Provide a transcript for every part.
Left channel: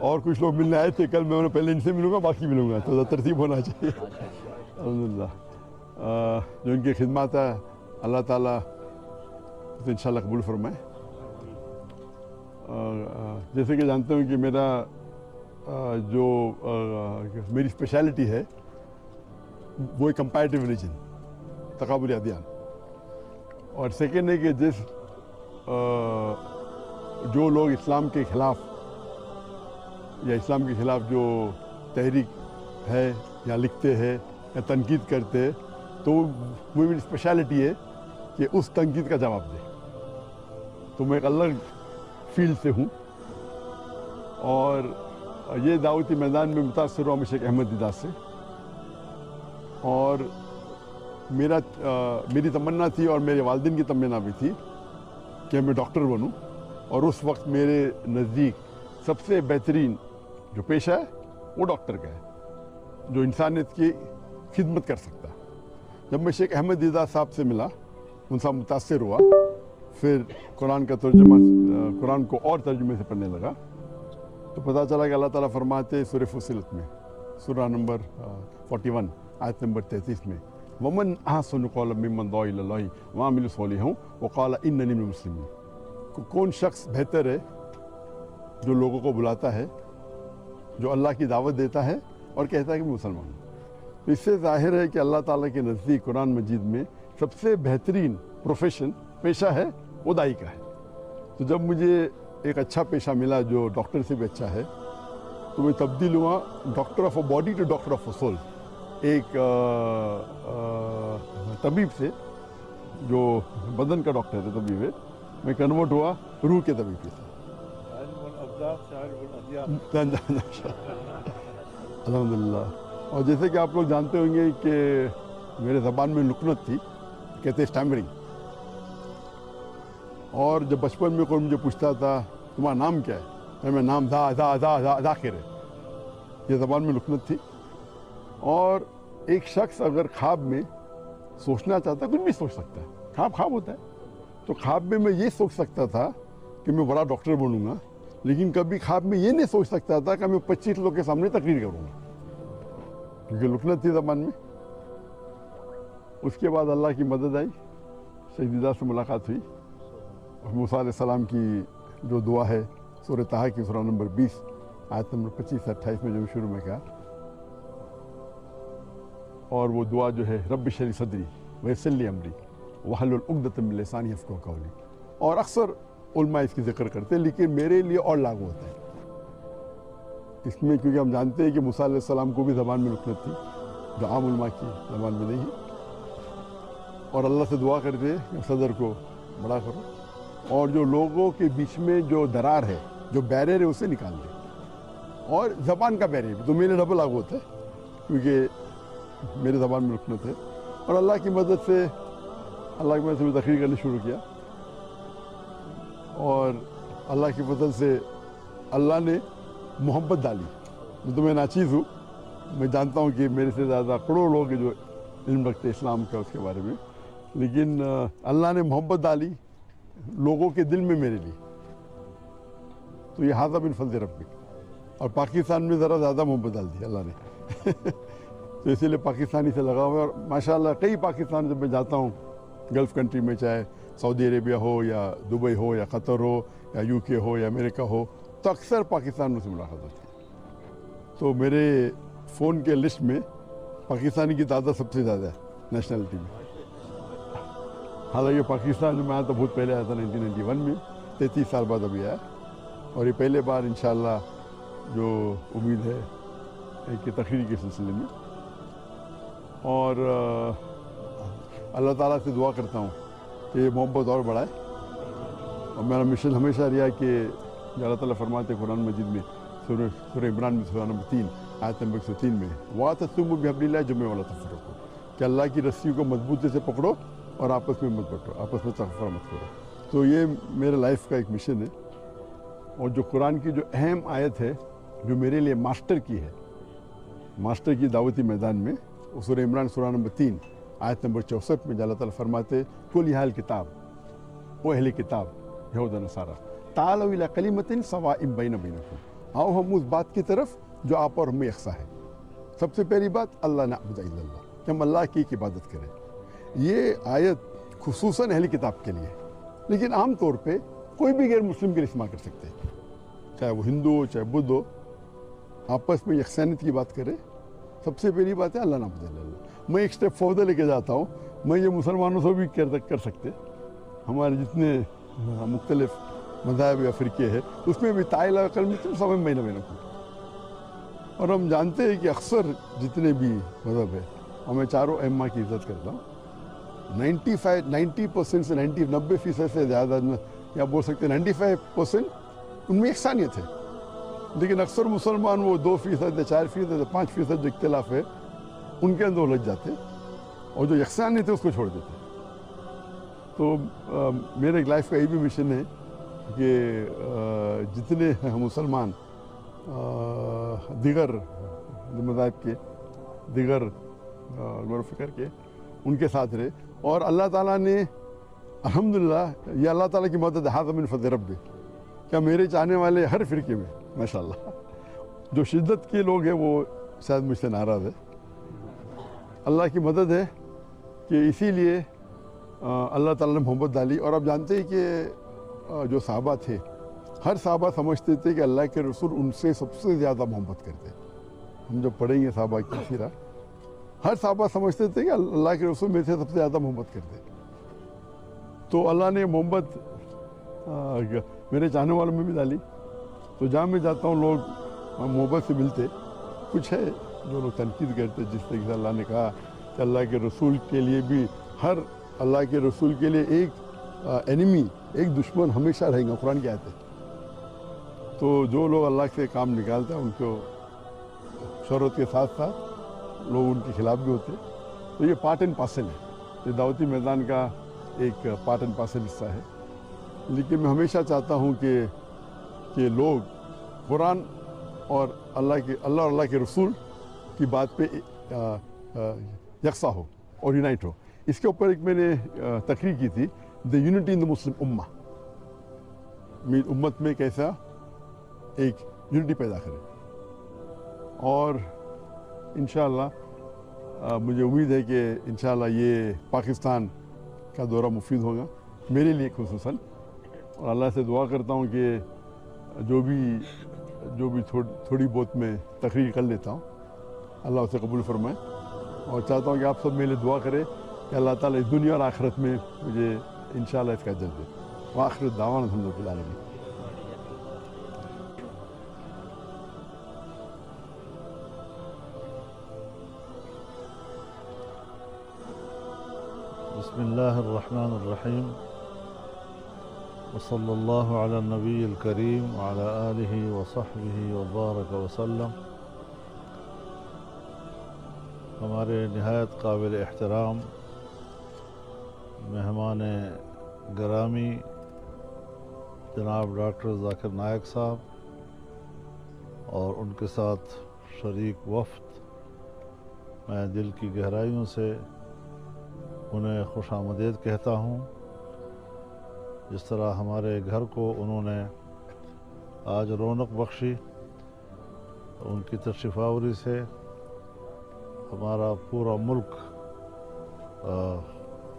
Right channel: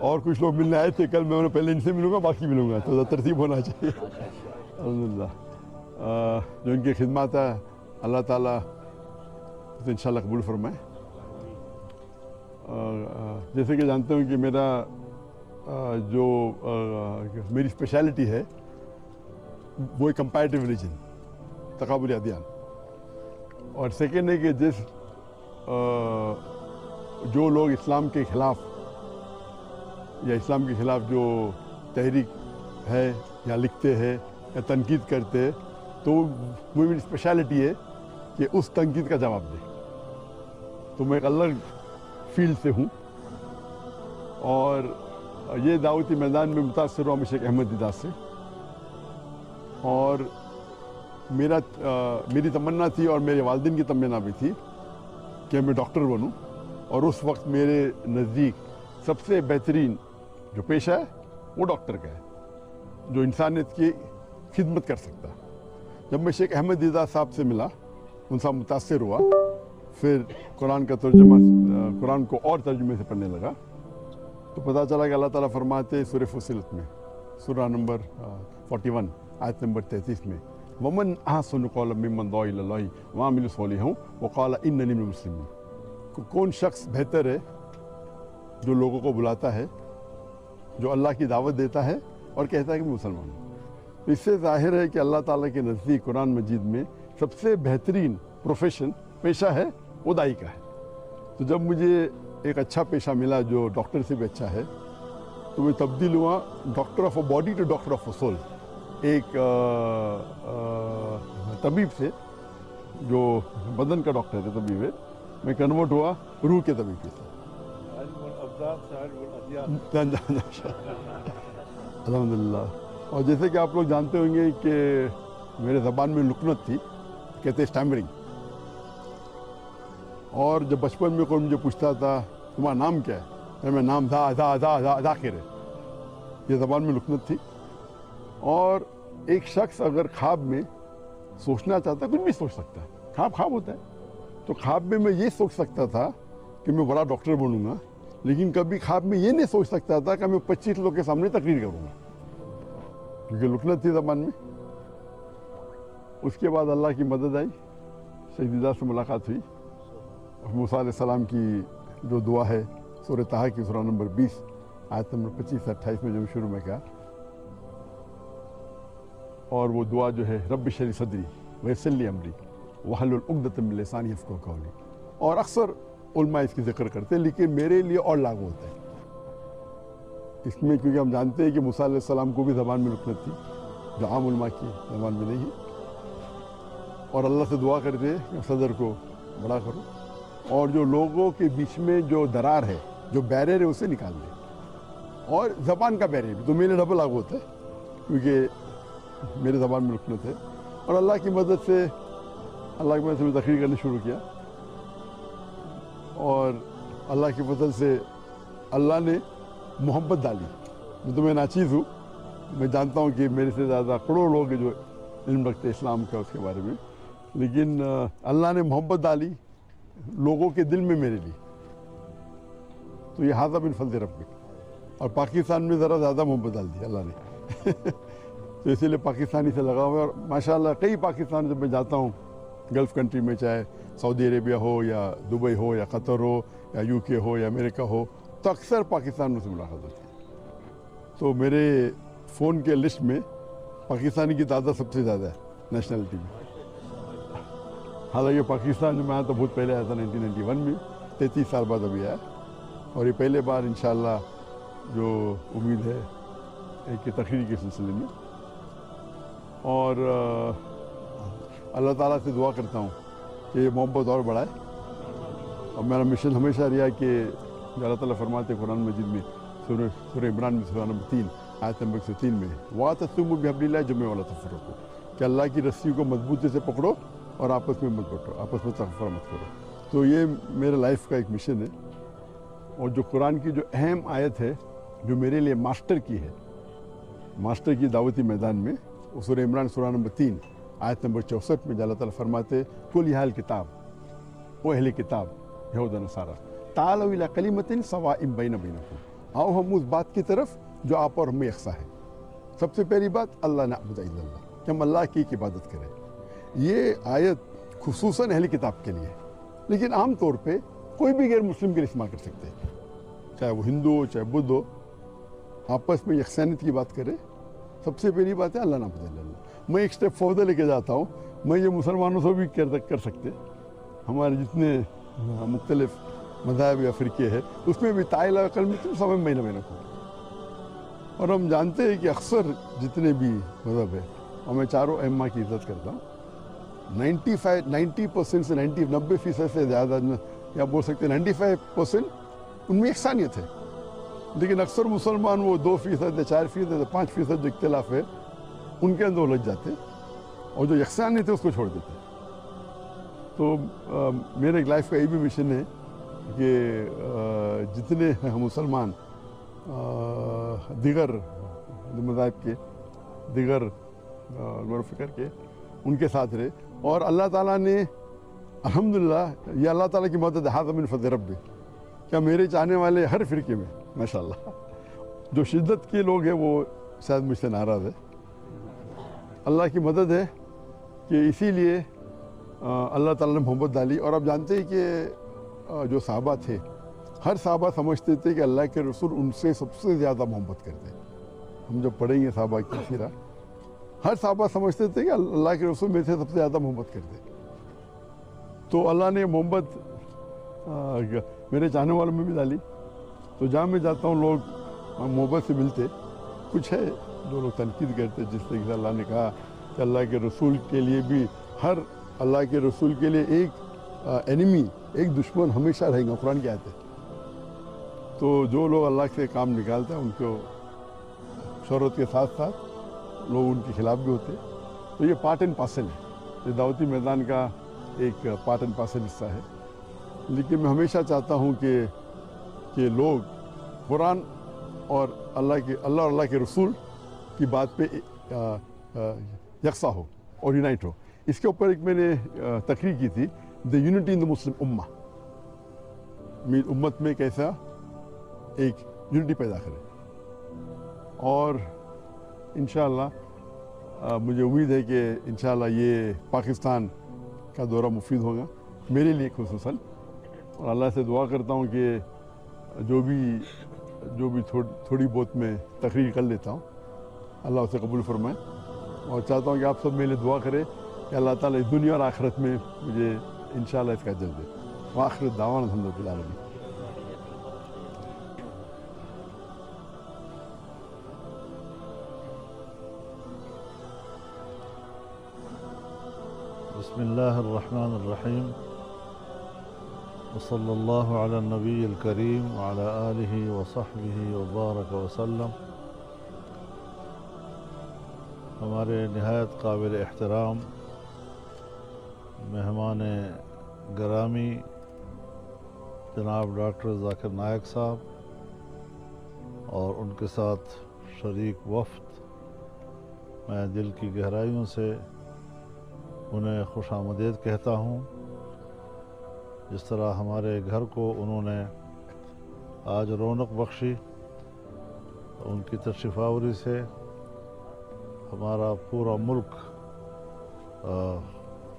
اور کچھ لوگ ملنے آئے تھے کل، میں انہیں پہلے ان سے ملوں گا باقی ملوں گا، تو ترتیب ہونا چاہیے. الحمدللہ جو ان کی خدمات ہے اللہ تعالیٰ تو انشاءاللہ قبول فرمائے. جیسے کہ جانتے ہوں کہ میرا جو میری اسپیشلٹی ہے وہ کمپیریٹیو ریلیجن، تقابلی ادیان. اور سیکنڈ ہے کہ جو لوگ اسلام کے خلاف یا اسلام کے خلاف جو تحریک ہے یا لکھتے ہیں یا تنقید کرتے ہیں، تو وہ میری اسپیشلٹی ہے کہ اس تنقید کا جواب دے. تو میں ایک الگ فیلڈ سے ہوں، اور یہ دعوتی میدان میں متاثر ہوا شیخ احمد دیدہ سے. اور میری تمنا تھی اور میرے والدین کی تمنا بھی تھی کہ میں ڈاکٹر بنوں، اور اس وقت میرے نزدیک سب سے بہترین جو پیشہ ہے وہ ڈاکٹر کا ہے، جو انسانیت کی خدمت کر سکتا. جب میں شیخ احمد دیدہ صاحب سے ملا، ان سے متاثر ہوا، پھر قرآن کا ترجمہ، قرآن کو اور ترجمے سے پڑھنے لگا، تو پتہ چلا کہ اللہ تعالیٰ فرماتے سورہ فصلت میں، سورہ نمبر 41 آیت نمبر 33 میں، وَمَنْ أَحْسَنُ قَوْلًا مِّمَّنْ دَعَا إِلَى اللَّهِ وَعَمِلَ صَالِحًا وَقَالَ إِنَّنِي مِنَ الْمُسْلِمِينَ. کون شخص بہتر ہے جو لوگوں کو بلاتا ہے، جو اللہ کی دعوت دیتا ہے اور کہتا ہے کہ میں مسلمان ہوں. اس سے ظاہر ہے کہ اللہ تعالیٰ کے نزدیک قرآن مجید میں سب سے بہترین پروفیشن، پیشہ ہے وہ داعی کا ہے. تو جب مجھے ایک اچھا پیشہ ملا جو ڈاکٹر سے بھی اچھا ہے، تو میں تبدیل ہوا doctor of a body to doctor of a soul. ایک طبیب سے جو بدن کا ڈاکٹر ہے طبیب ہے، میں کنورٹ ہوا روح کے طبیب سے. الحمدللہ. اور جیسے کہ آپ لوگ جانتے ہوں گے کہ میرے زبان میں لکنت تھی، کہتے اسٹیمرنگ. اور جب بچپن میں کوئی مجھے پوچھتا تھا تمہارا نام کیا ہے، تو میں نام ذاکر ہے، یہ زبان میں لکنت تھی. اور ایک شخص اگر خواب میں سوچنا چاہتا ہے، کچھ بھی سوچ سکتا ہے، خواب ہوتا ہے. تو خواب میں میں یہ سوچ سکتا تھا کہ میں بڑا ڈاکٹر بنوں گا، لیکن کبھی خواب میں یہ نہیں سوچ سکتا تھا کہ میں 25 لوگوں کے سامنے تقریر کروں گا، کیونکہ لکنت تھی زبان میں. اس کے بعد اللہ کی مدد آئی، شیخ دیدہ سے ملاقات ہوئی. موسیٰ علیہ السلام کی جو دعا ہے سورہ طٰہٰ کی سورہ نمبر 20 آیت نمبر 25 سے 28 میں جو شروع میں کہا، اور وہ دعا جو ہے رب اشرح لی صدری ویسر لی امری واحلل عقدۃ من لسانی یفقہوا قولی. اور اکثر علماء اس کی ذکر کرتے ہیں، لیکن میرے لیے اور لاگو ہوتا ہے اس میں، کیونکہ ہم جانتے ہیں کہ موسیٰ علیہ السلام کو بھی زبان میں لکنت تھی، جو عام علماء کی زبان میں نہیں. اور اللہ سے دعا کرتے ہیں صدر کو بڑا کرو، اور جو لوگوں کے بیچ میں جو درار ہے، جو بیریئر ہے، اسے نکال دیں. اور زبان کا بیریئر تو میرے ڈبل لاگو ہوتا ہے، کیونکہ میرے زبان میں لکنت ہے. اور اللہ کی مدد سے میں تقریر کرنا شروع کیا، اور اللہ کی فضل سے اللہ نے محبت ڈالی. تو میں ناچیز ہوں، میں جانتا ہوں کہ میرے سے زیادہ کروڑوں لوگ جو علم رکھتے اسلام کا اس کے بارے میں، لیکن اللہ نے محبت ڈالی لوگوں کے دل میں میرے لیے. تو یہ ھذا من فضل ربک. اور پاکستان میں ذرا زیادہ محبت ڈال دی اللہ نے تو اسی لیے پاکستانی سے لگا ہوا ہے. اور ماشاءاللہ کئی پاکستان جب میں جاتا ہوں گلف کنٹری میں، چاہے سعودی عربیہ ہو یا دبئی ہو یا قطر ہو یا یو کے ہو یا امریکہ ہو، تو اکثر پاکستان میں سے ملاقات ہوتی ہے. تو میرے فون کے لسٹ میں پاکستانی کی تعداد سب سے زیادہ ہے نیشنلٹی میں. حالانکہ پاکستان میں آیا تو بہت پہلے آیا تھا 1991 میں، 33 سال بعد ابھی آیا. اور یہ پہلے بار انشاءاللہ جو امید ہے ایک تقریر کے سلسلے میں. اور اللہ تعالیٰ سے دعا کرتا ہوں کہ یہ محبت اور بڑھائے. اور میرا مشن ہمیشہ رہا کہ اللہ تعالیٰ فرماتے قرآن مجید میں سورہ عمران میں سورہ نمبر 3 آیت نمبر 103 میں وَاعْتَصِمُوا بِحَبْلِ اللَّهِ جَمِيعًا وَلَا تَفَرَّقُوا، کہ اللہ کی رسی کو مضبوطی سے پکڑو اور آپس میں مت بٹو، آپس میں تفرقہ مت کرو. تو یہ میرے لائف کا ایک مشن ہے. اور جو قرآن کی جو اہم آیت ہے جو میرے لیے ماسٹر کی ہے، ماسٹر کی دعوتی میدان میں، وہ سورہ عمران سورہ نمبر 3 آیت نمبر 64 میں اللہ تعالیٰ فرماتے قُلْ يَا أَهْلَ الْكِتَابِ، او اہل کتاب یہود و نصارہ، تعالوا إِلَىٰ كَلِمَةٍ سَوَاءٍ بَيْنَنَا وَبَيْنَكُمْ، आओ हम उस बात की तरफ जो आप और हमें यकसा है। सबसे पहली बात अल्लाह ने कि हम अल्लाह की इबादत करें। ये आयत खुसूसन अहले किताब के लिए, लेकिन आम तौर पे कोई भी गैर मुस्लिम के लिए इस्तेमाल कर सकते हैं, चाहे वो हिंदू हो चाहे बुद्ध हो, आपस में यकसानियत की बात करें। सबसे पहली बात है अल्लाह ने बताया। मैं एक स्टेप फर्दर लेके जाता हूँ, मैं ये मुसलमानों से भी कर सकते, हमारे जितने मुख्तलिफ मज़ाहब या फ़िरके हैं उसमें भी ताइला कल में तुम सब महीना महीना को। और हम जानते हैं कि अक्सर जितने भी मज़हब है, और मैं चारों अइम्मा की इज़्ज़त करता हूँ, 90% से 90% से ज़्यादा, या बोल सकते हैं 95% उनमें यकसानियत है। लेकिन अक्सर मुसलमान वो 2% या 4% या 5% जो इख्तिलाफ है उनके अंदर उलझ जाते हैं, और जो यकसानियत है उसको छोड़ देते हैं। तो मेरे लाइफ का ये भी मिशन है कि जितने मुसलमान दीगर मज़ाहब के दीगर करके उनके साथ रहे, और अल्लाह ताला ने अल्हम्दुलिल्लाह, ये अल्लाह ताला की मदद हाज़ा मिन फ़ज़्ल रब्बी, क्या मेरे चाहने वाले हर फ़िरके में माशाअल्लाह जो शिद्दत के लोग हैं वो शायद मुझसे नाराज़ है। अल्लाह की मदद है कि इसीलिए अल्लाह ताला ने मोहब्बत डाली। और आप जानते हैं कि जो सहाबा थे, हर सहाबा समझते थे कि अल्लाह के रसूल उनसे सबसे ज़्यादा मोहब्बत करते। जब पढ़ेंगे सहाबा की सीरा, हर सहाबा समझते थे कि अल्लाह के रसूल मेरे से सबसे ज़्यादा मोहब्बत करते। तो अल्लाह ने मोहब्बत मेरे चाहने वालों में भी डाली। तो जहाँ मैं जाता हूँ लोग हम मोहब्बत से मिलते। कुछ है जो लोग तनकीद करते, जिस तरीके से अल्लाह ने कहा कि अल्लाह के रसूल के लिए भी, हर अल्लाह के रसूल के लिए एक एनिमी, एक दुश्मन हमेशा रहेंगे, कुरान की आयत है। तो जो लोग अल्लाह से काम निकालते हैं उनको शरत के साथ साथ लोग उनके खिलाफ भी होते हैं। तो ये पार्ट एंड पार्सल है, तो दावती मैदान का एक पार्ट एंड पार्सल हिस्सा है। लेकिन मैं हमेशा चाहता हूँ कि लोग कुरान और अल्लाह के रसूल की बात पे यकसा हो और यूनाइट हो। इसके ऊपर एक मैंने तकरीर की थी, the unity in the Muslim उम्मा, उम्मत में कैसा एक यूनिटी पैदा करें। और इंशाअल्लाह मुझे उम्मीद है कि इंशाअल्लाह ये पाकिस्तान का दौरा मुफीद होगा मेरे लिए खुसूसन। अल्लाह से दुआ करता हूँ कि जो भी थोड़ी बहुत मैं तकरीर कर लेता हूँ अल्लाह उसे कबूल फरमाए। और चाहता हूँ कि आप सब मेरे लिए दुआ करें कि अल्लाह ताला इस दुनिया और आखिरत में मुझे इंशाअल्लाह इसका अजर दे। आखिर दावाना अल्हम्दुलिल्लाह आलमीन। बिस्मिल्लाहिर्रहमानिर्रहीम वसल्लल्लाहु अला नबील करीम व अला आलिहि व सहबिहि व बारक वसल्लम। हमारे निहायत काबिल एहतराम मेहमान गरामी जनाब डॉक्टर ज़ाकिर नायक साहब और उनके साथ शरीक वफ़द, मैं दिल की गहराइयों से उन्हें खुशामदीद कहता हूँ। जिस तरह हमारे घर को उन्होंने आज रौनक बख्शी, उनकी तशरीफ़ावरी से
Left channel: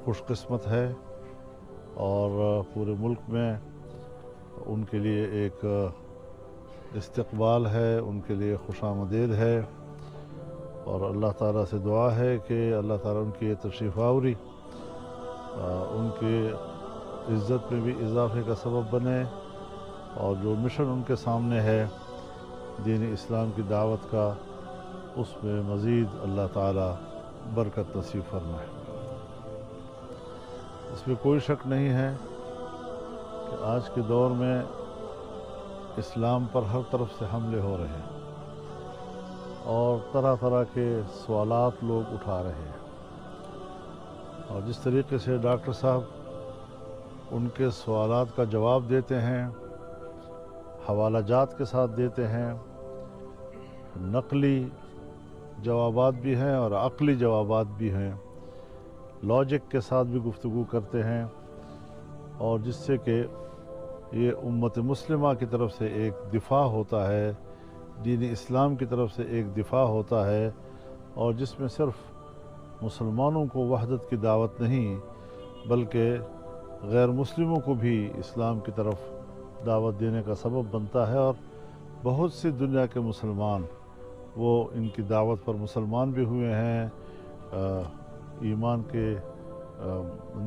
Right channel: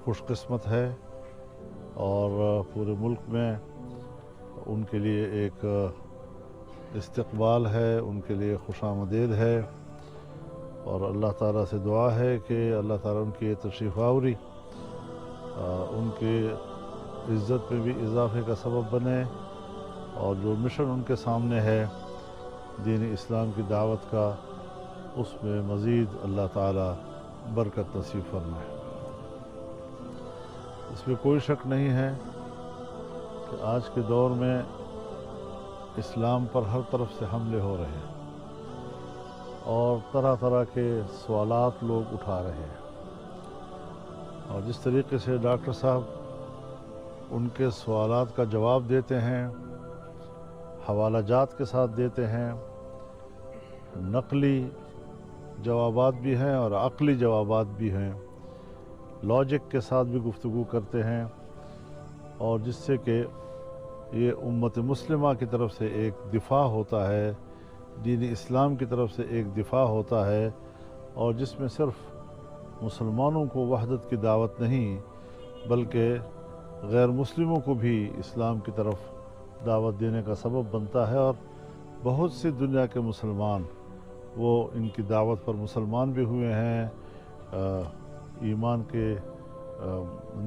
खुशकिस्मत है और पूरे मुल्क में उनके लिए एक इस्तकबाल है, उनके लिए खुशामदीद है। और अल्लाह ताला से दुआ है कि अल्लाह ताला उनकी ये तशरीफ़ावरी उनकी इज़्ज़त में भी इजाफ़े का सबब बने, और जो मिशन उनके सामने है दीन इस्लाम की दावत का, उसमें मज़ीद अल्लाह ताला बरकत नसीब फरमाए। इसमें कोई शक नहीं है कि आज के दौर में और तरह तरह के सवालात लोग उठा रहे हैं, और जिस तरीके से डॉक्टर साहब उनके सवालात का जवाब देते हैं, हवाला जात के साथ देते हैं, नकली जवाबात भी हैं और अक़ली जवाबात भी हैं, लॉजिक के साथ भी गुफ्तगू करते हैं, और जिससे कि یہ امت مسلمہ کی طرف سے ایک دفاع ہوتا ہے، دین اسلام کی طرف سے ایک دفاع ہوتا ہے، اور جس میں صرف مسلمانوں کو وحدت کی دعوت نہیں بلکہ غیر مسلموں کو بھی اسلام کی طرف دعوت دینے کا سبب بنتا ہے، اور بہت سی دنیا کے مسلمان وہ ان کی دعوت پر مسلمان بھی ہوئے ہیں، ایمان کے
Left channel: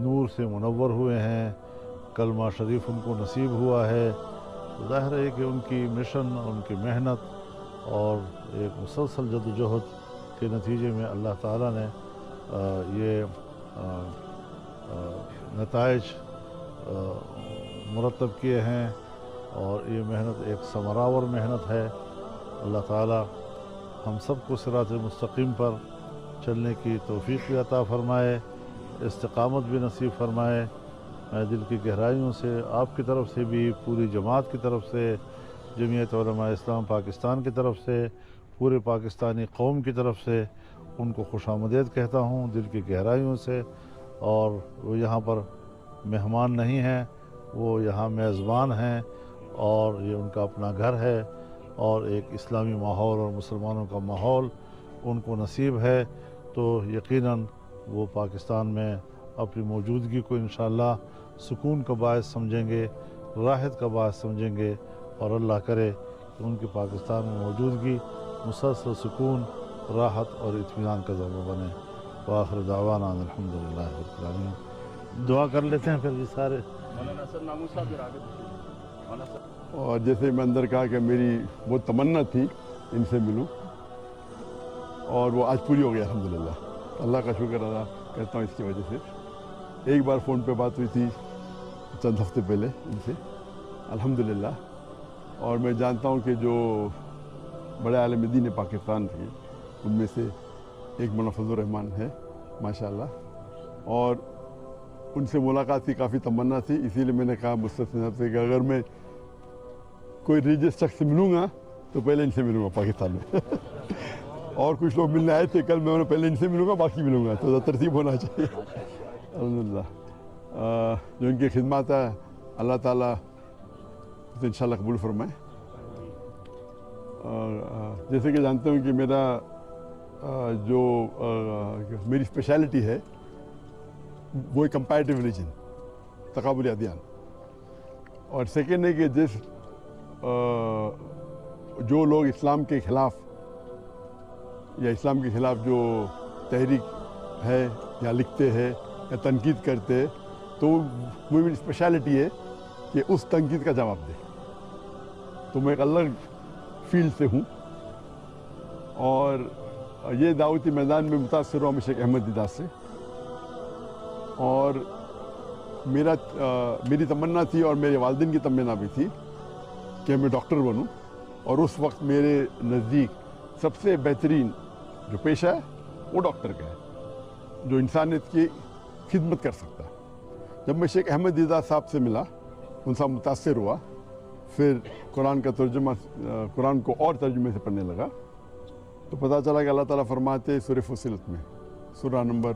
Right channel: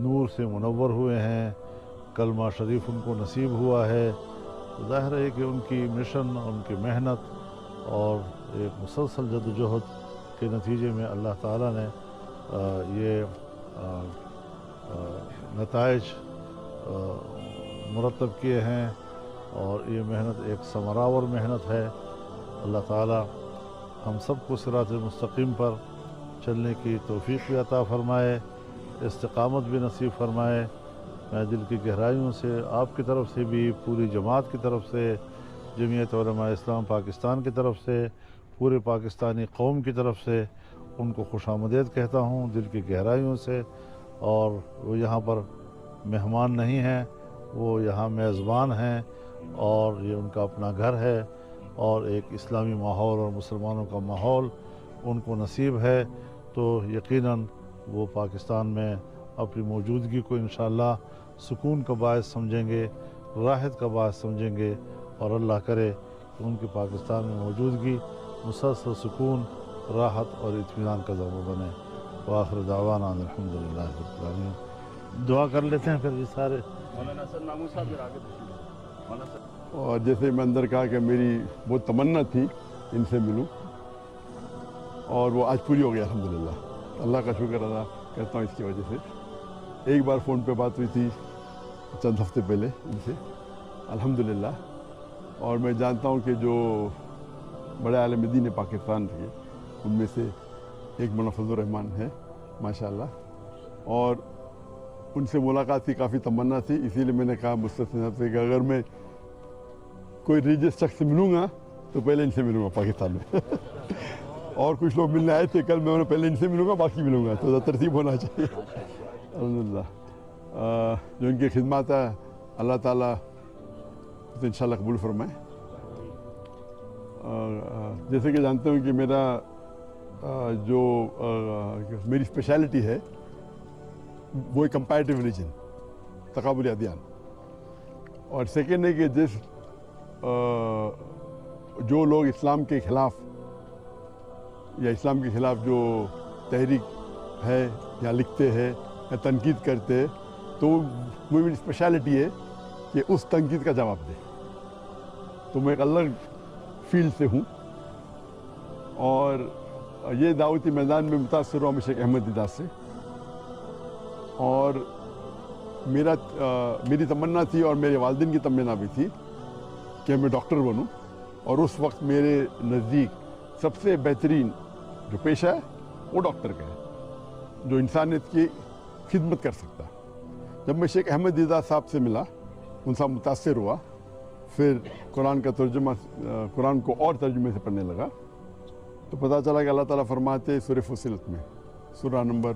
نور سے منور ہوئے ہیں، کلمہ شریف ان کو نصیب ہوا ہے۔ تو ظاہر ہے کہ ان کی مشن، ان کی محنت اور ایک مسلسل جدوجہد کے نتیجے میں اللہ تعالیٰ نے یہ نتائج مرتب کیے ہیں، اور یہ محنت ایک ثمرآور محنت ہے۔ اللہ تعالیٰ ہم سب کو صراط مستقیم پر چلنے کی توفیق بھی عطا فرمائے، استقامت بھی نصیب فرمائے۔ میں دل کی گہرائیوں سے آپ کی طرف سے بھی، پوری جماعت کی طرف سے، جمعیت علماء اسلام پاکستان کی طرف سے، پورے پاکستانی قوم کی طرف سے ان کو خوش آمدید کہتا ہوں دل کی گہرائیوں سے۔ اور وہ یہاں پر مہمان نہیں ہیں، وہ یہاں میزبان ہیں، اور یہ ان کا اپنا گھر ہے، اور ایک اسلامی ماحول اور مسلمانوں کا ماحول ان کو نصیب ہے، تو یقیناً وہ پاکستان میں اپنی موجودگی کو انشاءاللہ سکون کا باعث سمجھیں گے، راحت کا باعث سمجھیں گے، اور اللہ کرے کہ ان کی پاکستان میں موجودگی مسلسل سکون، راحت اور اطمینان کا ذریعہ بنے۔ دعا کر لیتے ہیں پھر سارے۔ اور جیسے میں اندر گیا کہ میری وہ تمنا تھی ان سے ملوں، اور وہ آج پوری ہو گیا۔ اللہ کا شکر کرتا ہوں اس کی وجہ سے۔ ایک بار فون پہ بات ہوئی تھی چند ہفتے پہلے ان سے، الحمدللہ۔ اور میں جانتا ہوں کہ جو بڑے عالم دین پاکستان تھے ان میں سے ایک مولانا فضل الرحمان ہے ماشاءاللہ، اور ان سے ملاقات کی کافی تمنا تھی، اسی لیے میں نے کہا مستثنی صاحب سے کہ اگر میں کوئی ریلیجس شخص سے ملوں گا تو پہلے ان سے ملوں گا پاکستان میں۔ اور کچھ لوگ ملنے آئے تھے کل، میں انہیں پہلے ان سے ملوں گا باقی ملوں گا، تو ترتیب ہونا چاہیے۔ الحمدللہ جو ان کی خدمات ہے اللہ تعالیٰ انشاءاللہ قبول فرمائے۔ جیسے کہ جانتے ہوں کہ میرا جو میری اسپیشلٹی ہے وہ کمپیریٹیو ریلیجن، اور سیکنڈ ہے کہ جو لوگ اسلام کے خلاف یا اسلام کے خلاف جو تحریک ہے یا لکھتے ہیں یا تنقید کرتے ہیں، تو وہ میری اسپیشلٹی ہے کہ اس تنقید کا جواب دے۔ تو میں ایک الگ فیلڈ سے ہوں، اور یہ دعوتی میدان میں متاثر ہوا میں شیخ احمد دیدار سے، اور میری تمنا تھی اور میرے والدین کی تمنا بھی تھی کہ میں ڈاکٹر بنوں، اور اس وقت میرے نزدیک سب سے بہترین جو پیشہ ہے وہ ڈاکٹر کا ہے، جو انسانیت کی خدمت کر سکتا۔ جب میں شیخ احمد دیدار صاحب سے ملا، ان سے متاثر ہوا، پھر قرآن کا ترجمہ، قرآن کو اور ترجمے سے پڑھنے لگا، تو پتہ چلا کہ اللہ تعالیٰ فرماتے سورہ فصلت میں، سورہ نمبر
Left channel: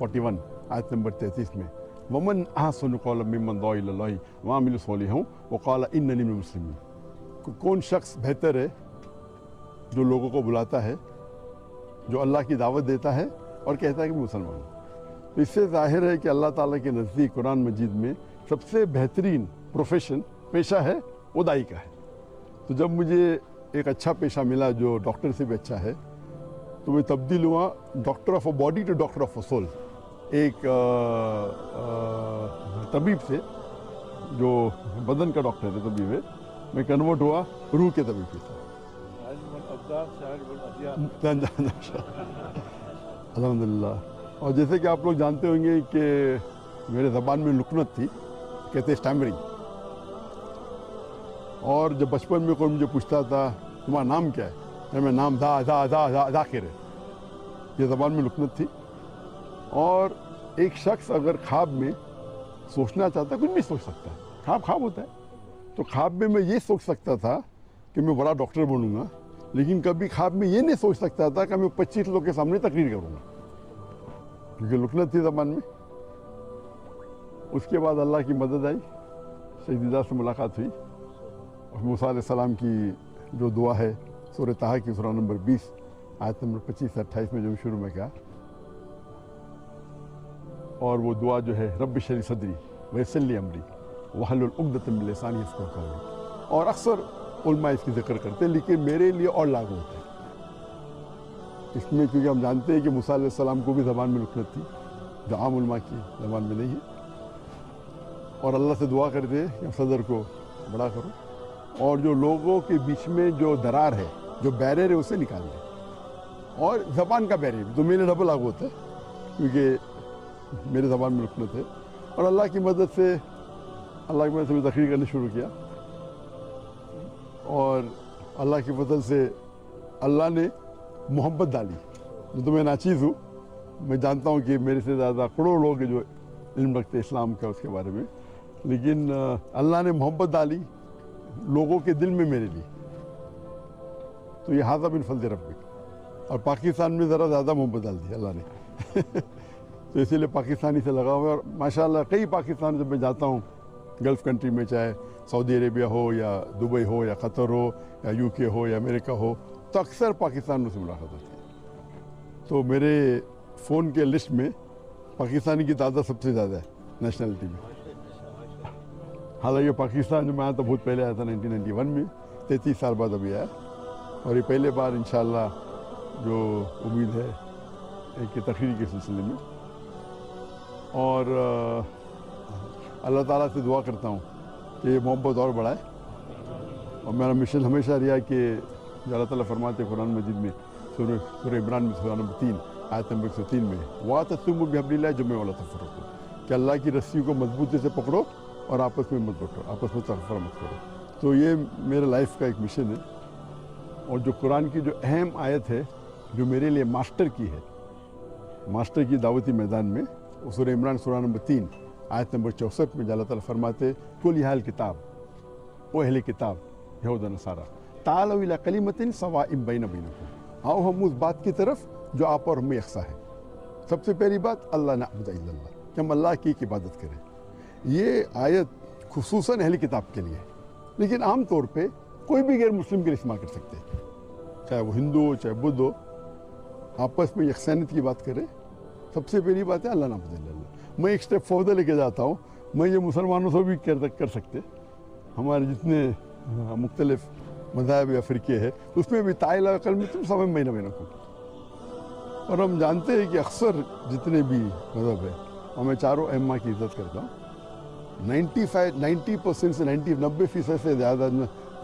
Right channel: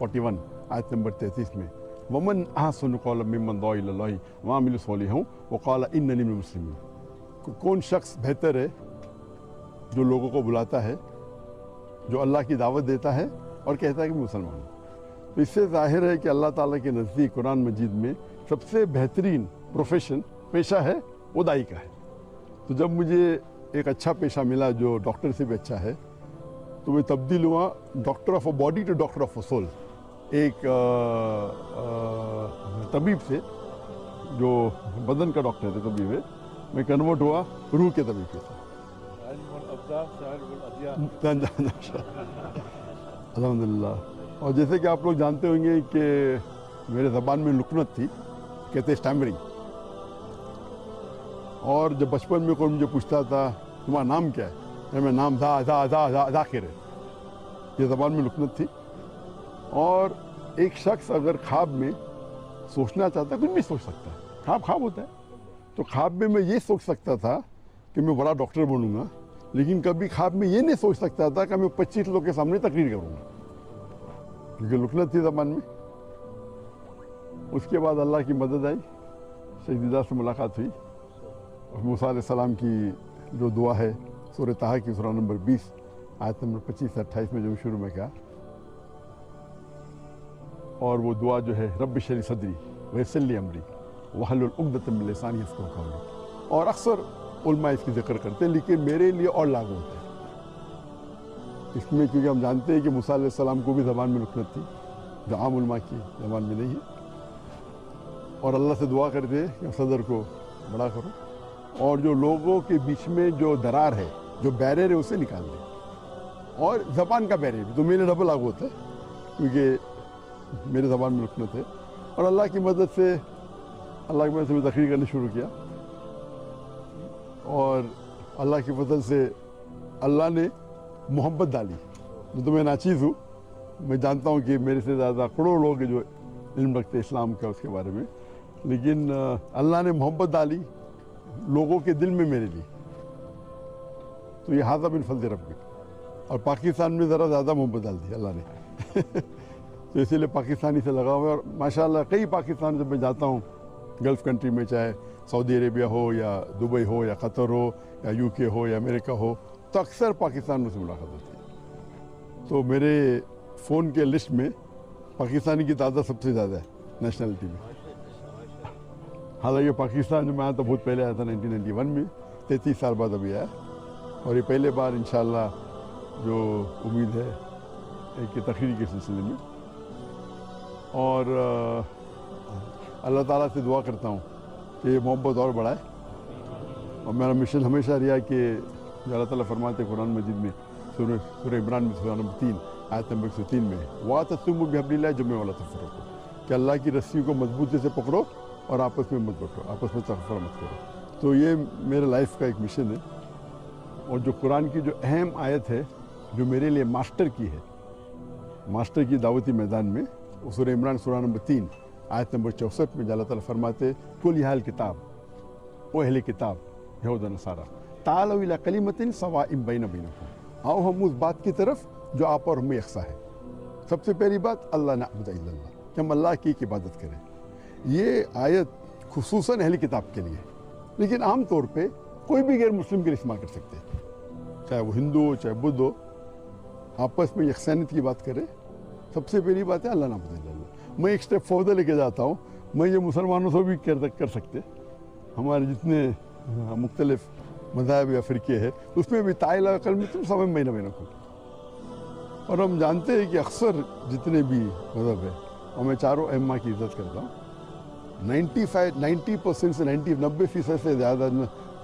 41 آیت نمبر 33 میں، وَمَنْ أَحْسَنُ قَوْلًا مِّمَّنْ دَعَا إِلَى اللَّهِ وَعَمِلَ صَالِحًا وَقَالَ إِنَّنِي مِنَ الْمُسْلِمِينَ۔ کون شخص بہتر ہے جو لوگوں کو بلاتا ہے، جو اللہ کی دعوت دیتا ہے اور کہتا ہے کہ مسلمان ہوں۔ اس سے ظاہر ہے کہ اللہ تعالیٰ کے نزدیک قرآن مجید میں سب سے بہترین پروفیشن، پیشہ ہے وہ داعی کا ہے۔ تو جب مجھے ایک اچھا پیشہ ملا جو ڈاکٹر سے بھی اچھا ہے، تو میں تبدیل ہوا doctor of a body to doctor of a soul, ایک طبیب سے جو بدن کا ڈاکٹر تھے، طبیب ہے، میں کنورٹ ہوا روح کے طبیب کے ساتھ۔ الحمدللہ۔ اور جیسے کہ آپ لوگ جانتے ہوں گے کہ میرے زبان میں لکنت تھی، کہتے اسٹیمرنگ، اور جب بچپن میں کوئی مجھے پوچھتا تھا تمہارا نام کیا ہے، میں نام ذاکر ہے، یہ زبان میں لکنت تھی۔ اور ایک شخص اگر خواب میں سوچنا چاہتا ہے، کچھ نہیں سوچ سکتا، خواب ہوتا ہے، تو خواب میں یہ سوچ سکتا تھا کہ میں بڑا ڈاکٹر بنوں گا، لیکن کبھی خواب میں یہ نہیں سوچ سکتا تھا کہ میں 25 لوگ کے سامنے تقریر کروں گا، کیونکہ لکنت تھی زبان میں۔ اس کے بعد اللہ کی مدد آئی، शहीदा से मुलाकात हुई और मूसा अलैहिस्सलाम की जो दुआ है सूरह ताहा की सूरह नंबर 20 आयत नंबर 25 से 28 में जो शुरू में कहा, और वो दुआ जो है रब्बि शरह सदरी वयस्सिर ली अमरी वहलुल उक़दतम मिन लिसानी यफ़क़हू क़ौली, और अक्सर उलमा इसकी जिक्र करते हैं, लेकिन मेरे लिए और लागू होता है इसमें, क्योंकि हम जानते हैं कि मूसा अलैहिस्सलाम को भी ज़बान में लुकनत थी जो आम उलमा की ज़बान में नहीं है, और अल्लाह से दुआ करते हैं कि सदर को बड़ा करो और जो लोगों के बीच में जो दरार है, जो बैरियर है, उसे निकाल दे, और ज़बान का बैरियर तो मेरे डबल लागू होता है क्योंकि मेरे ज़बान में लुकनत है, और अल्लाह की मदद से मैं तकरीर करनी शुरू किया, और अल्लाह की मदद से अल्लाह ने मोहब्बत डाली। तो मैं नाचीज़ हूँ, मैं जानता हूँ कि मेरे से ज़्यादा करोड़ों लोग जो इल्म रखते इस्लाम का उसके बारे में, लेकिन अल्लाह ने मोहब्बत डाली लोगों के दिल में मेरे लिए। तो ये हाज़ा बिन फज़ल रब्बी, और पाकिस्तान में ज़रा ज़्यादा मोहब्बत डाल दी अल्लाह ने तो इसीलिए पाकिस्तानी से लगा हुआ है, और माशाल्लाह कई पाकिस्तान जब मैं जाता हूँ गल्फ़ कंट्री में, चाहे सऊदी अरेबिया हो या दुबई हो या क़तर हो या यूके हो या अमेरिका हो, तो अक्सर पाकिस्तान में से मुलाकात होती है। तो मेरे फ़ोन के लिस्ट में पाकिस्तानी की तादाद सबसे ज़्यादा है नेशनलिटी में। हालांकि पाकिस्तान में आया तो बहुत पहले आया था 1991 में, 33 साल बाद अभी आया, और ये पहले बार इंशाअल्लाह जो उम्मीद है एक तकरीर के सिलसिले में, और अल्लाह ताला से दुआ करता हूँ कि ये मोहब्बत और बढ़ाए। मेरा मिशन हमेशा रहा कि जो अल्लाह ताला फरमाते हैं कुरान मजीद में सूरह इमरान में सूरह नंबर 3 आयत नंबर 103 में, वातसिमू बिहब्लिल्लाहि जमीअन वला तफ़र्रक़ू, कि अल्लाह की रस्सी को मजबूती से पकड़ो और आपस में मत बटो, आपस में तफर्रक़ मत करो। तो ये मेरे लाइफ का एक मिशन है, और जो कुरान की जो अहम आयत है जो मेरे लिए मास्टर की है, मास्टर की दावती मैदान में, सूरह इमरान सूरह नंबर 3 आयत नंबर 64 में अल्लाह ताला फरमाते कुल याहल किताब, ओ अहले किताब यहूद व नसारा तालू इला कलिमतिन सवाइम बैनकुम, आओ हम उस बात की तरफ जो आप और हमें यकसा है। सबसे पहली बात अल्लाह नअबुद इल्लल्लाह, कि हम अल्लाह की इबादत करें। ये आयत खुसूसन अहले किताब के लिए, लेकिन आम तौर पे कोई भी गैर मुस्लिम के लिए इस्तेमाल कर सकते हैं, चाहे वो हिंदू हो चाहे बुद्ध हो, आपस में यकसानियत की बात करें। सबसे पहली बात है अल्लाह नअबुद इल्लल्लाह। मैं एक स्टेप फर्दर लेके जाता हूँ, मैं ये मुसलमानों से भी कर सकते, हमारे जितने मुख्तलिफ मज़ाहब या फ़िरक़े हैं उसमें भी ताइला कल में तुम समय महीना महीना को, और हम जानते हैं कि अक्सर जितने भी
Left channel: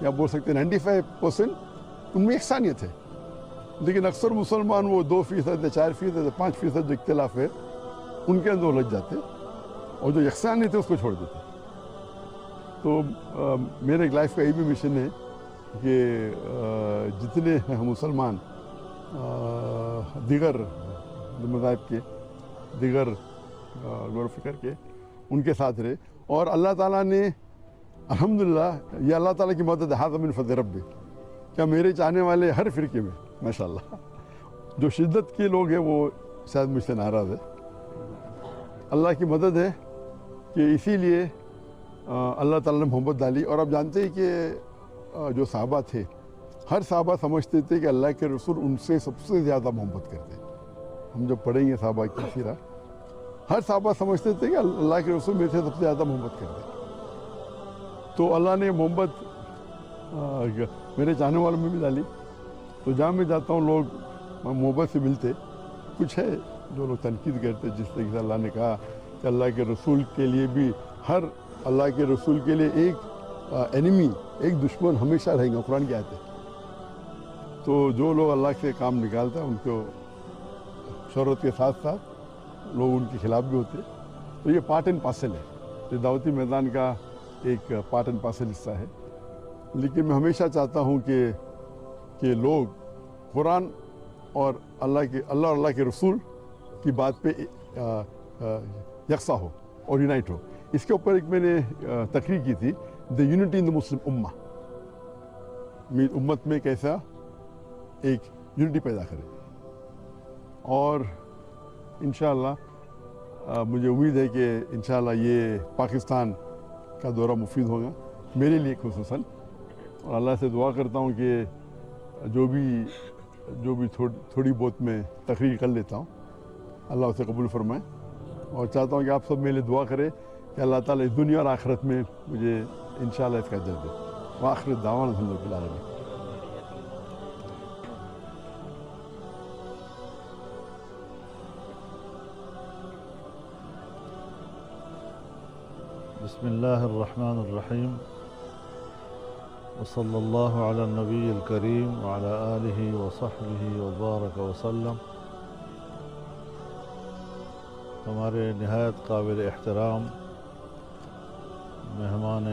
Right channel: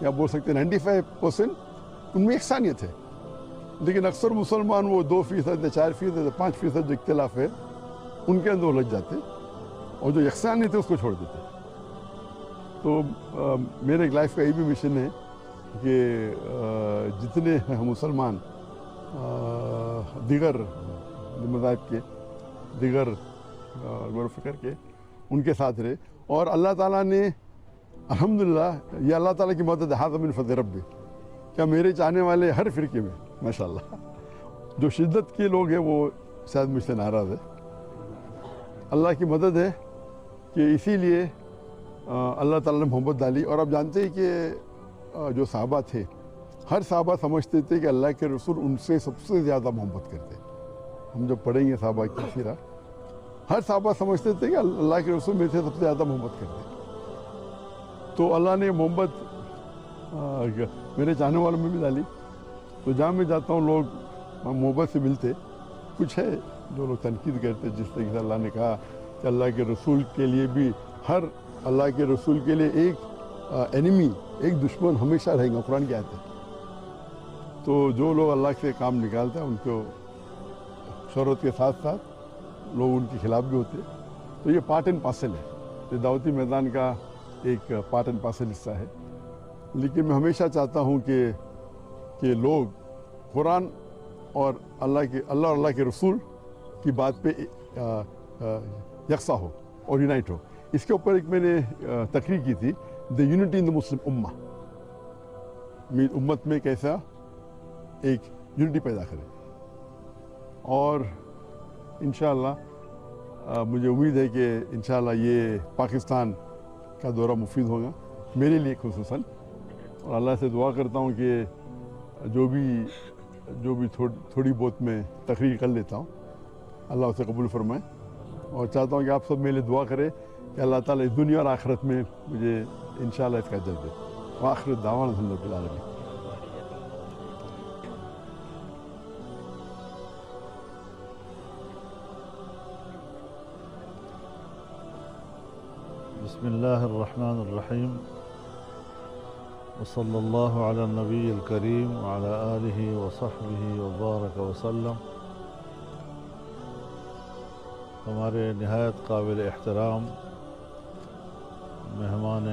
या बोल सकते हैं 95% उनमें यकसानियत है, लेकिन अक्सर मुसलमान वो 2% या 4% या 5% जो इख्तिलाफ है उनके अंदर उलझ जाते, और जो यकसानियत है उसको छोड़ देते। तो मेरे लाइफ का ये भी मिशन है कि जितने हैं मुसलमान दीगर मज़ाहिब के, दीगर फ़िक्र के, उनके साथ रहे, और अल्लाह ताला ने अल्हम्दुलिल्लाह ये अल्लाह ताला की मदद हाज़ा मिन फ़ज़ल रब्बी, क्या मेरे चाहने वाले हर फ़िरके में माशाअल्लाह जो शिद्दत के लोग हैं वो शायद मुझसे नाराज़ है। अल्लाह की मदद है कि इसीलिए अल्लाह ताला ने मोहब्बत डाली। और आप जानते हैं कि जो सहाबा थे, हर सहाबा समझते थे कि अल्लाह के रसूल उनसे सबसे ज़्यादा मोहब्बत करते हैं। हम जब पढ़ेंगे सहाबा की सीरा, हर सहाबा समझते थे कि अल्लाह के रसूल मेरे से सबसे ज़्यादा मोहब्बत करते हैं। तो अल्लाह ने मोहब्बत मेरे चाहने वालों में भी डाली। तो जहाँ मैं जाता हूँ लोग मोहब्बत से मिलते, कुछ है जो लोग तनकीद करते, जिस तरीके अल्लाह ने कहा कि अल्लाह के रसूल के लिए भी, हर अल्लाह के रसूल के लिए एक एनिमी, एक दुश्मन हमेशा रहेगा, कुरान की आयत है। तो जो लोग अल्लाह से काम निकालते हैं उनको शरत के साथ साथ लोग उनके खिलाफ भी होते हैं। तो ये पार्ट एंड पार्सल है, ये दावती मैदान का एक पार्ट एंड पार्सल हिस्सा है। लेकिन मैं हमेशा चाहता हूँ कि लोग कुरान और अल्लाह के रसूल की बात पे यकसा हो और यूनाइट हो। इसके ऊपर एक मैंने तकरीर की थी, the unity in the Muslim उम्मा, उम्मत में कैसा एक यूनिटी पैदा करें। और इंशाअल्लाह मुझे उम्मीद है कि इंशाअल्लाह ये पाकिस्तान का दौरा मुफीद होगा मेरे लिए खुसूसन। और अल्लाह से दुआ करता हूँ कि जो भी थोड़ी बहुत मैं तकरीर कर लेता हूँ अल्लाह उसे कबूल फरमाए। और चाहता हूँ कि आप सब मेरे लिए दुआ करें कि अल्लाह ताला इस दुनिया और आखिरत में मुझे इंशाअल्लाह इसका अजर दे। व आखिर दावाना अल्हम्दुलिल्लाह रब्बिल आलमीन। बिस्मिल्लाहिर्रहमानिर्रहीम। वसल्लल्लाहु अला नबील करीम व अला आलिहि व सहबिहि। हमारे निहायत काबिल एहतराम मेहमान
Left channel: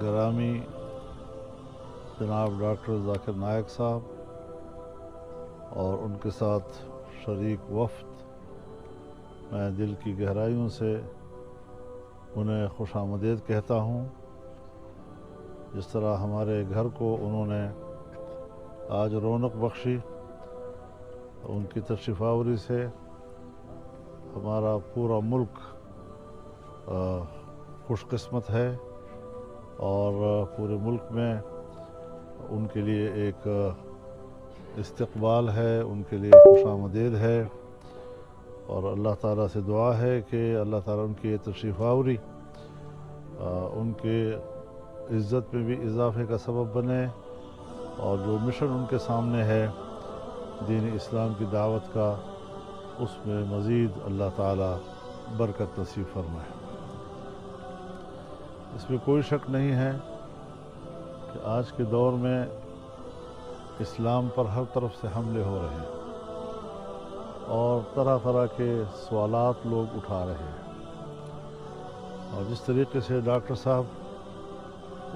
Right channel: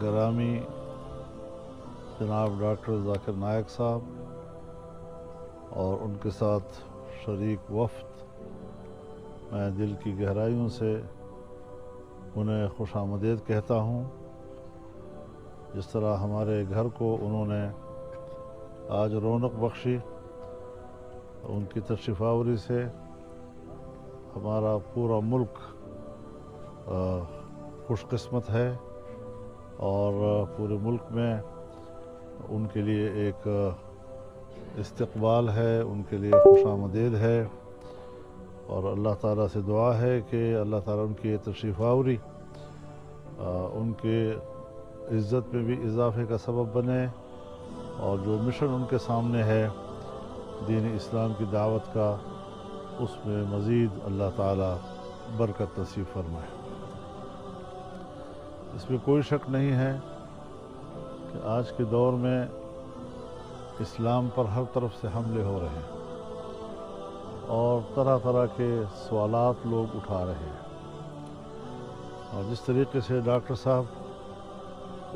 गिरामी जनाब डॉक्टर जाकिर नायक साहब और उनके साथ शरीक वफ्द, मैं दिल की गहराइयों से उन्हें खुशामदीद कहता हूँ। जिस तरह हमारे घर को उन्होंने आज रौनक बख्शी, उनकी तशरीफ़ावरी से हमारा पूरा मुल्क खुशकिस्मत है और पूरे मुल्क में उनके लिए एक इस्तकबाल है, उनके लिए खुशामदीद है। और अल्लाह ताला से दुआ है कि अल्लाह ताला उनकी तशरीफ़ावरी उनकी इज़्ज़त में भी इजाफे का सबब बने और जो मिशन उनके सामने है दीन इस्लाम की दावत का, उसमें मज़ीद अल्लाह ताला बरकत नसीब फरमाए। इसमें कोई शक नहीं है कि आज के दौर में इस्लाम पर हर तरफ से हमले हो रहे हैं और तरह तरह के सवालात लोग उठा रहे हैं। और जिस तरीके से डॉक्टर साहब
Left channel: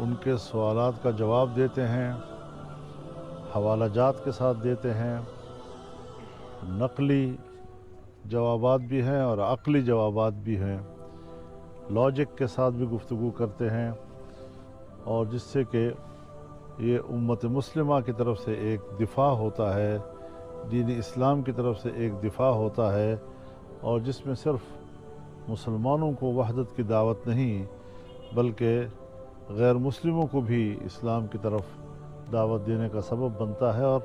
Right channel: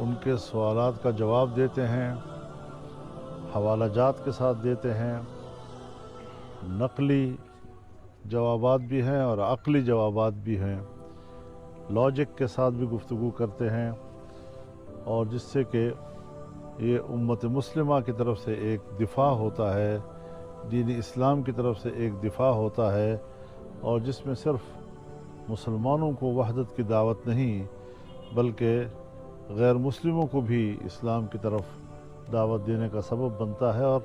उनके सवालात का जवाब देते हैं, हवालाजात के साथ देते हैं, नकली जवाबात भी हैं और अक़ली जवाबात भी हैं, लॉजिक के साथ भी गुफ्तगू करते हैं और जिससे कि ये उम्मत मुस्लिमा की तरफ से एक दिफा होता है, दीन इस्लाम की तरफ से एक दिफा होता है और जिसमें सिर्फ मुसलमानों को वहदत की दावत नहीं बल्कि गैर मुस्लिमों को भी इस्लाम की तरफ दावत देने का सबब बनता है। और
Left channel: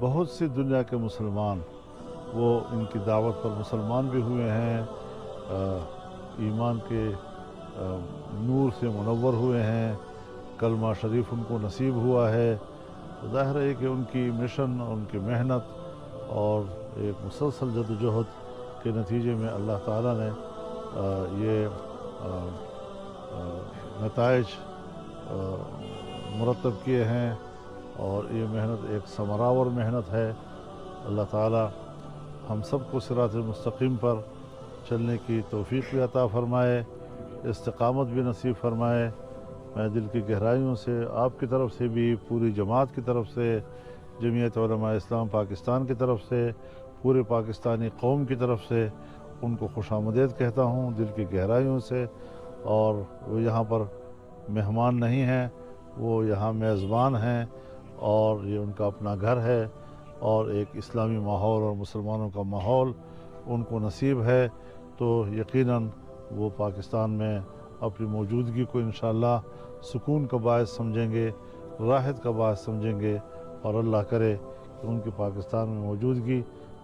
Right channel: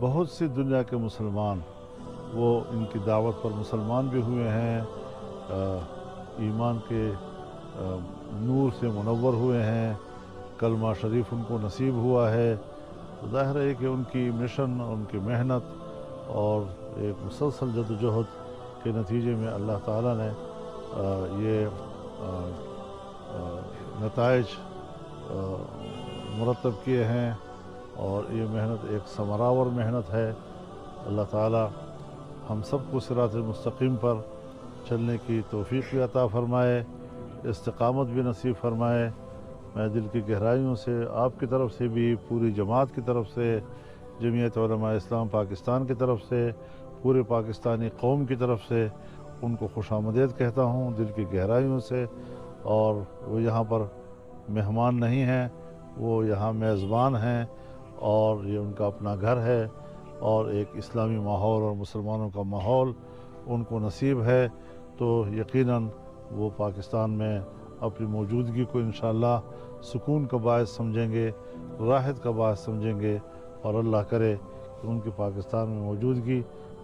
बहुत सी दुनिया के मुसलमान वो इनकी दावत पर मुसलमान भी हुए हैं, ईमान के नूर से मुनव्वर हुए हैं, कलमा शरीफ उनको नसीब हुआ है। ज़ाहिर है कि उनकी मिशन, उनकी मेहनत और एक मुसलसल जदोजहद के नतीजे में अल्लाह ताला ने ये नताइज मुरतब किए हैं और ये मेहनत एक समरावर मेहनत है। अल्लाह ताला हम सबको सिरात मुस्तकीम पर चलने की तौफीक भी अता फ़रमाए, इस्तिक़ामत भी नसीब फ़रमाए। मैं दिल की गहराइयों से आपकी तरफ से भी, पूरी जमात की तरफ से, जमीयत उलमा इस्लाम पाकिस्तान की तरफ से, पूरे पाकिस्तानी कौम की तरफ से उनको खुशामदीद कहता हूँ दिल की गहराइयों से। और वो यहाँ पर मेहमान नहीं हैं, वो यहाँ मेज़बान हैं और ये उनका अपना घर है और एक इस्लामी माहौल और मुसलमानों का माहौल उनको नसीब है। तो यकीनन वो पाकिस्तान में अपनी मौजूदगी को इंशाअल्लाह सुकून का बायस समझेंगे, राहत का बायस समझेंगे और अल्लाह करे कि उनकी पाकिस्तान में मौजूदगी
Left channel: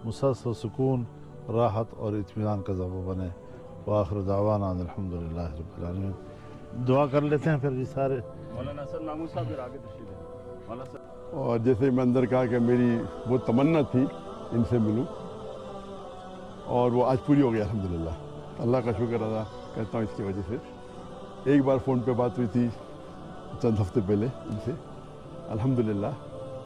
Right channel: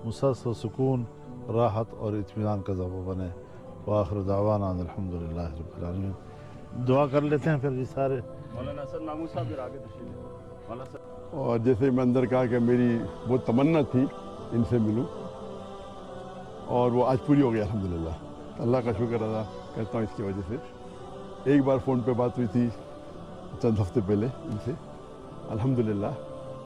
मुसलसल सुकून, राहत और इत्मीनान का ज़रिया बने। व आखिर दावाना अल्हम्दुलिल्लाह रब्बिल आलमीन। दुआ कर लेते हैं फिर जी सारे। मौलाना सर नामू साहब फिर आगे तशरीफ लें। मौलाना सर, और जैसे मैं अंदर कहा कि मेरी बहुत तमन्ना थी इनसे मिलूं और वो आज पूरी हो गई अल्हम्दुलिल्लाह। अल्लाह का शुक्र अदा करता हूँ इसकी वजह से। एक बार फ़ोन पे बात हुई थी चंद हफ्ते पहले इनसे, अल्हम्दुलिल्लाह